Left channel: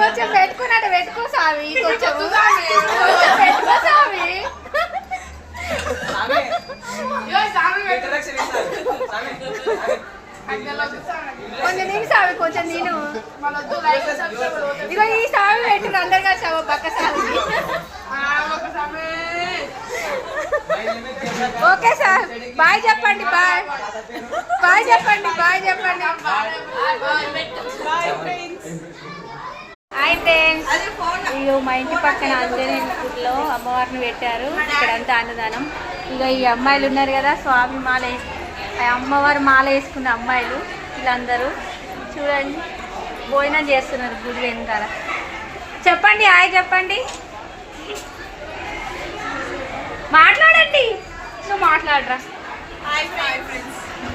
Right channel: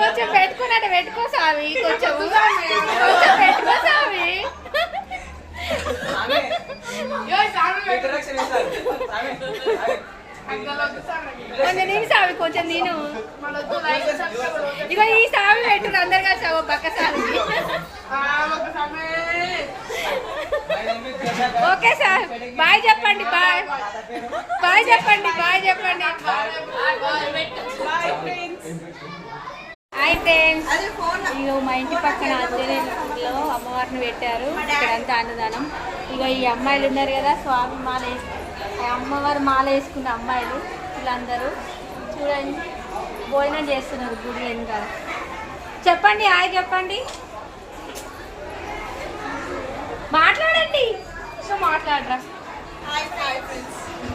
కొంచెం పెట్టుకున్నట్టు పెట్టుకో స్వామి, కొంచెం కొంచెం పెట్టుకో స్వామి. కొంచెం నేను స్వామి, కొంచెం నేను ఇగో ఈ స్వామి పెట్టు అందరు కలిసి పక్క స్వామికి. ఓకే సార్, బాయ్ చెప్పండి. బాయ్ బాయ్ చెప్పండి. బాయ్ చెప్పండి. అయితే ఇగో మా ఇంటి పక్కన ఆంజనేయులో అమ్మవారిని పెట్టారు. ఇక్కడంతా అన్నదానం. ఇక ఈ అమ్మాయిలు ఉన్నారు కదా, స్వామి మాల అమ్మవారు మాల వేసుకున్న అమ్మాయిలు వీళ్ళందరూ చూడండి భోజనం చేస్తున్నారు గుడి వెనకాల. చెప్పండి హాయ్ చెప్పండి, మాట్లాడండి. నువ్వు మాట్లాడరా. Hi friends.